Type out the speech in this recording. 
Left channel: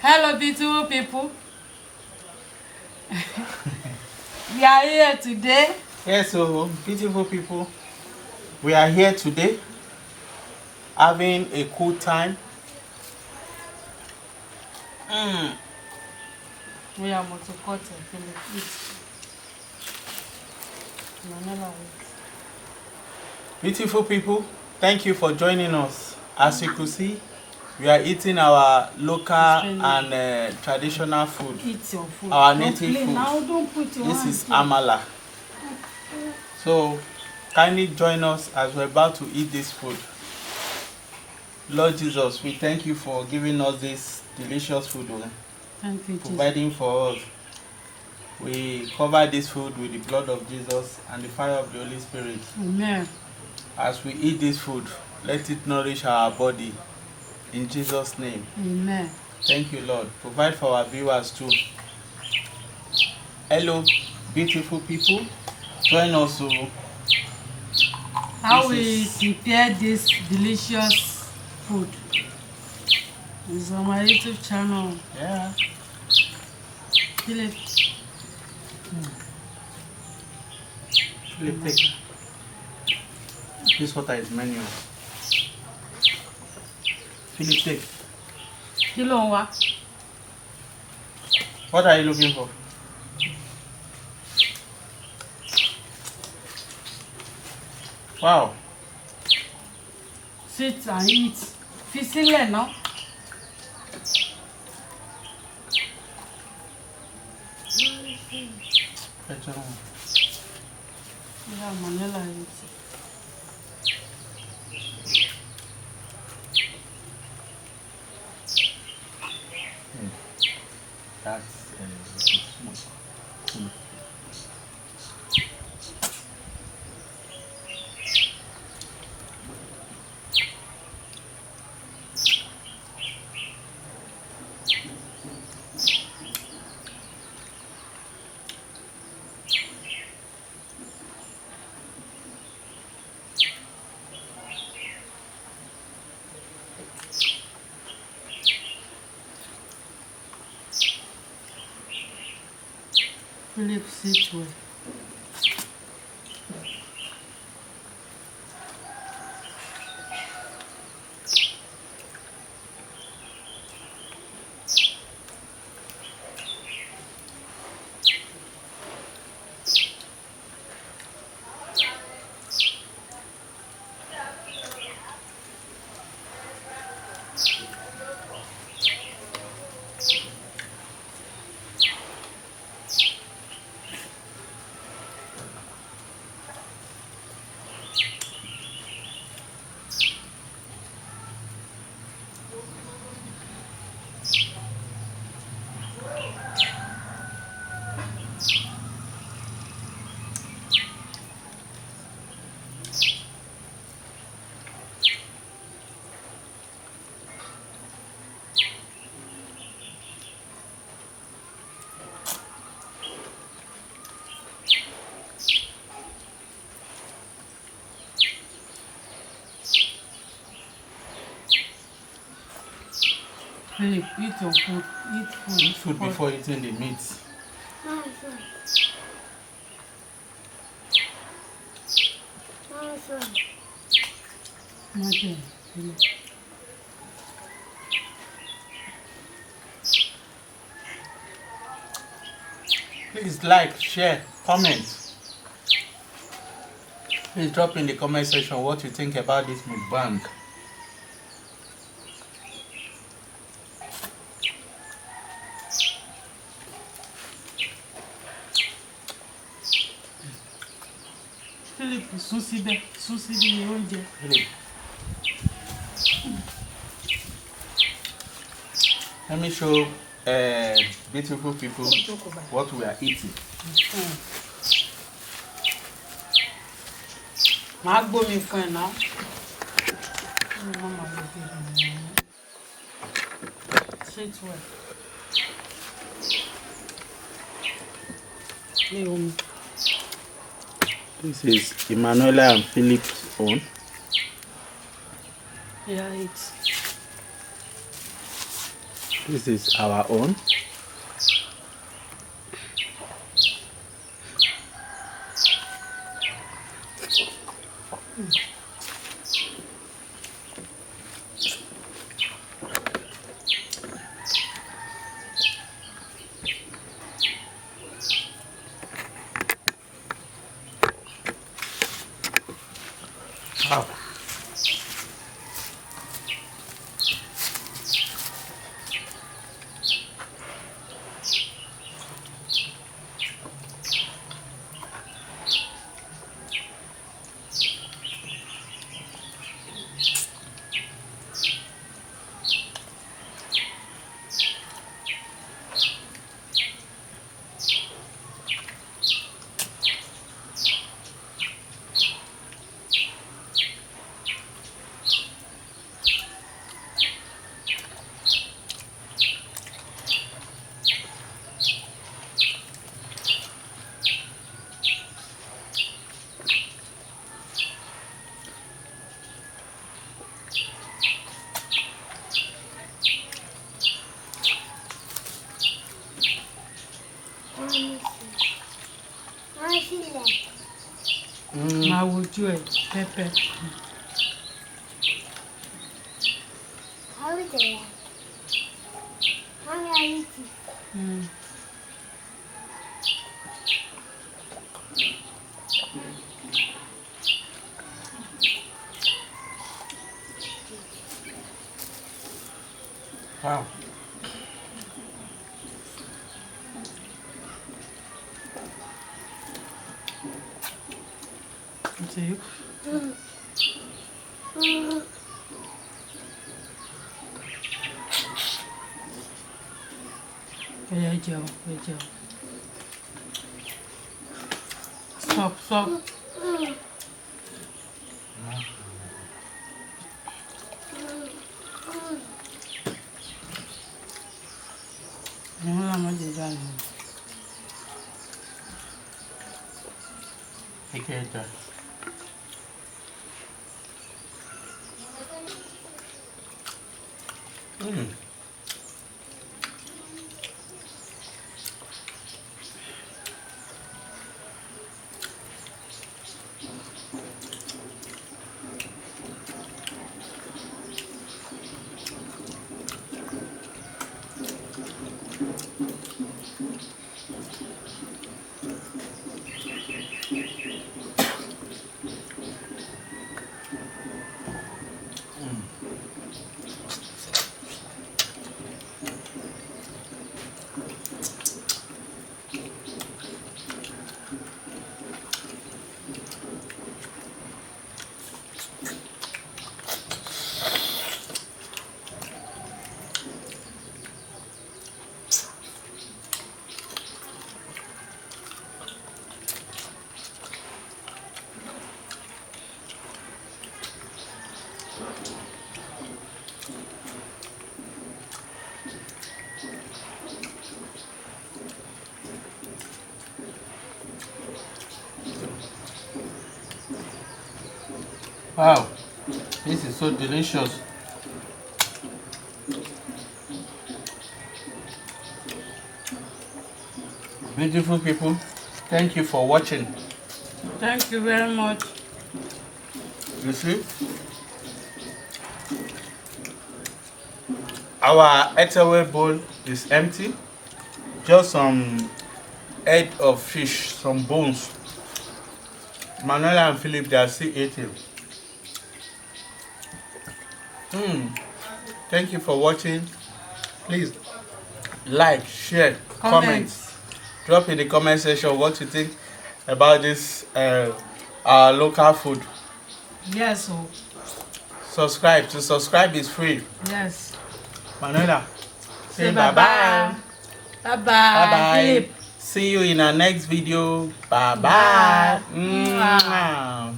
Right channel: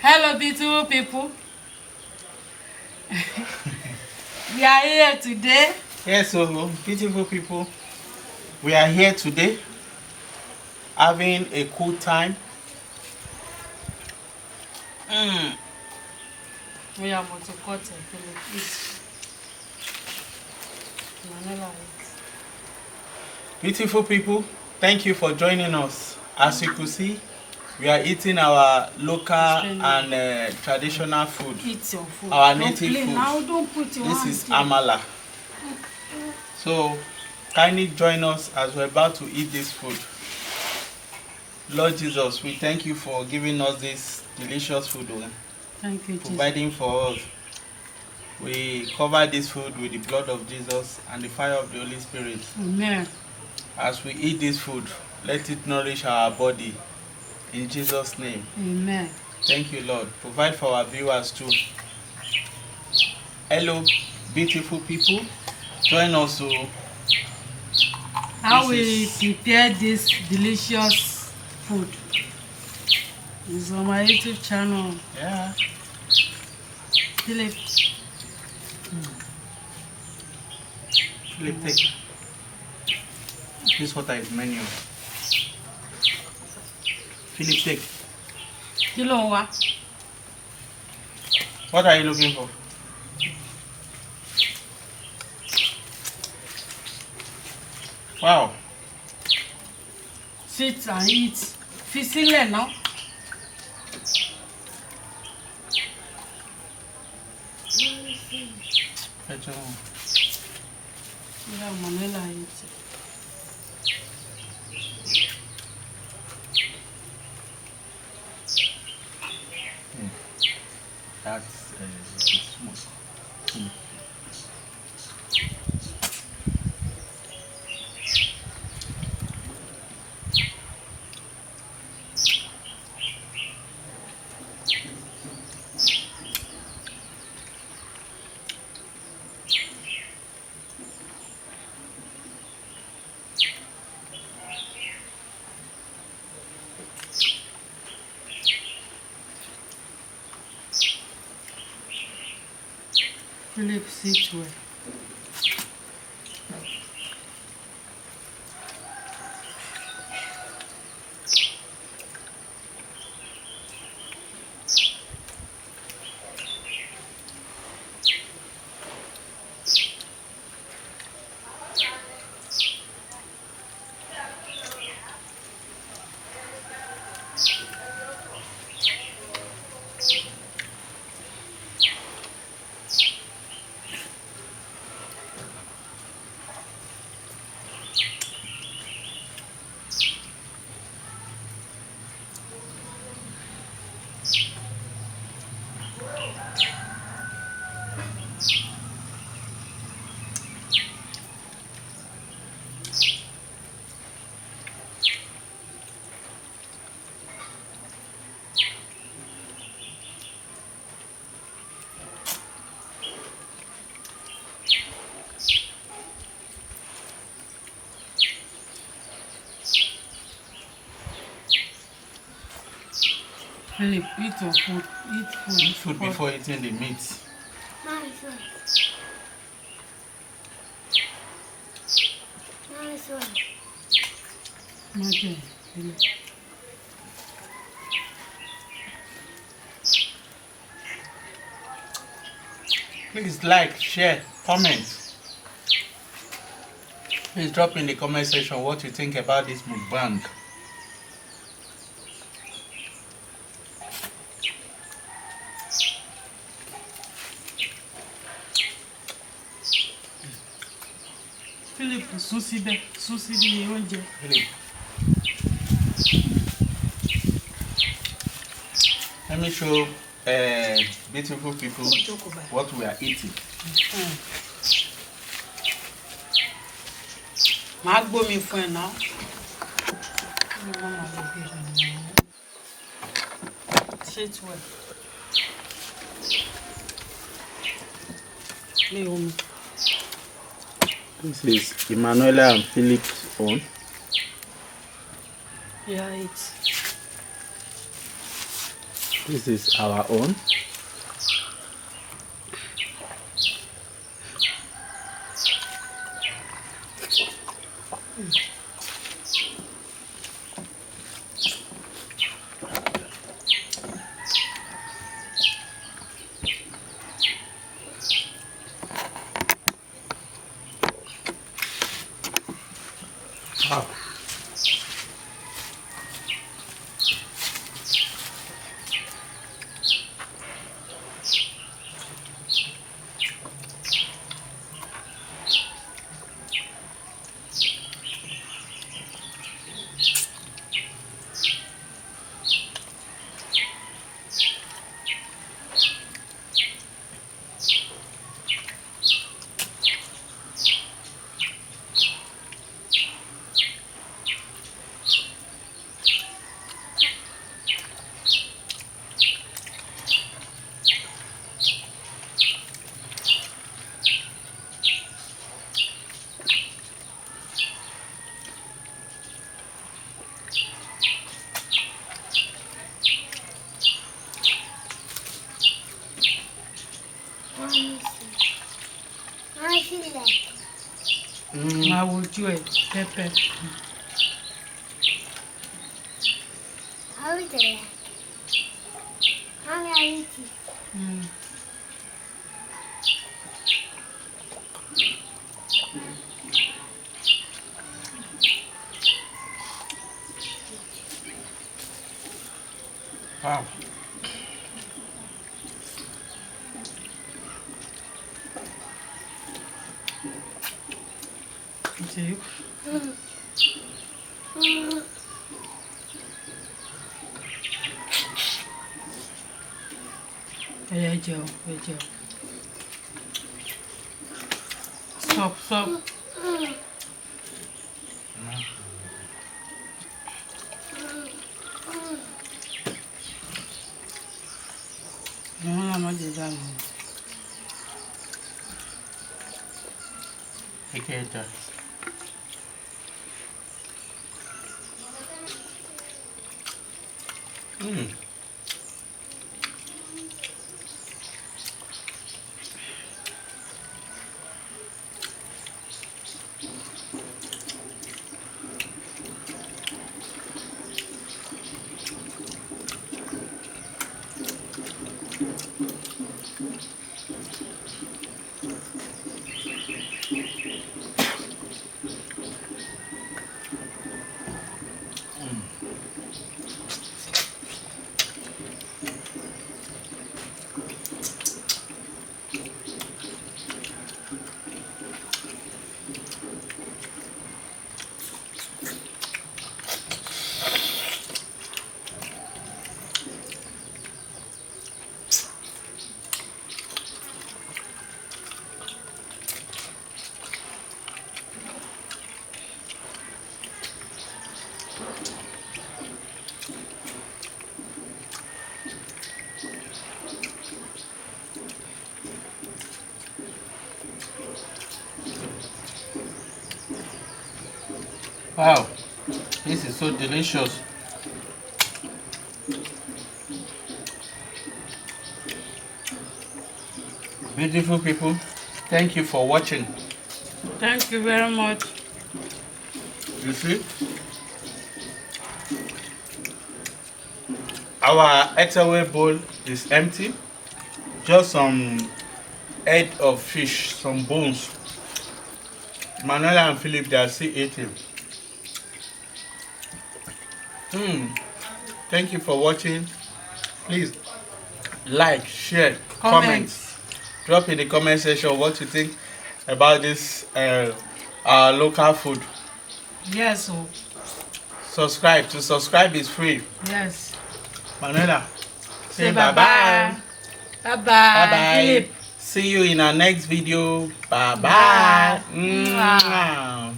Hello, beautiful people. We are here today. Yes, so beautiful people, we are here today having a cool time. We are going to cut it. Eat. Manila eat. Beautiful people, thank you for joining us. As you could see, we are eating our local and traditional food. Eat your food. Our Don't native play food. now. Don't put your This hands is here. amala. So kindly join us as we're about to eat this food. Lord Jesus, we thank you for giving us this delicious food, Thank you, Jesus. providing for us. We cover this food with the blood of Jesus and the fire of the Holy Spirit. Amen. As we eat this food, let it nourish our body. In Jesus' name. Amen. Thank you, Lord. Provide for our viewers too. Hello, beautiful people. Join us. How we prepare this delicious food is on my YouTube channel. Yeah. Philip. Philip, take. This water is menu. Philip, take. Kí ló ń wá? What are you looking for? Wow. Sit and eat. Fi sílẹ̀ náà. Yeah, Manila eat. That's smooth. Philip, sit well. Philip, eat your food. Eat food. Eat food before eating the meat. Okay, Philip. Please like, share, comment. Please drop in the comment section what you think about this mukbang. Philip, sún síbẹ̀, sún síbi oúnjẹ. Philip. Let me show beautiful people what we are eating. Màá gbómi fún ẹ náà. Sit well. Lé omi. This is Emanuela and Philip's own. Yeah, it's This is our own. Wow. I will do it. Pepper. How is it? How are you? Wow. See? Yeah, Joe. Stop. No, I'm not doing that. Take it. Wow, this is so delicious. Beautiful people, thank you for watching. Thank you very much. You see, our eataway bowl is empty. Just some head of fish, some bones. Manuela and Philip, they are still eating. Thank you for watching. Please like, share, comment. Drop in the comment section what you think about this our local food. Yes. Subscribe. To subscribe is free. Yes. Manuela, Say bye-bye. Bye-bye. Bye-bye. Philip. See you in our next video. Bye-bye. Bye. Mwah.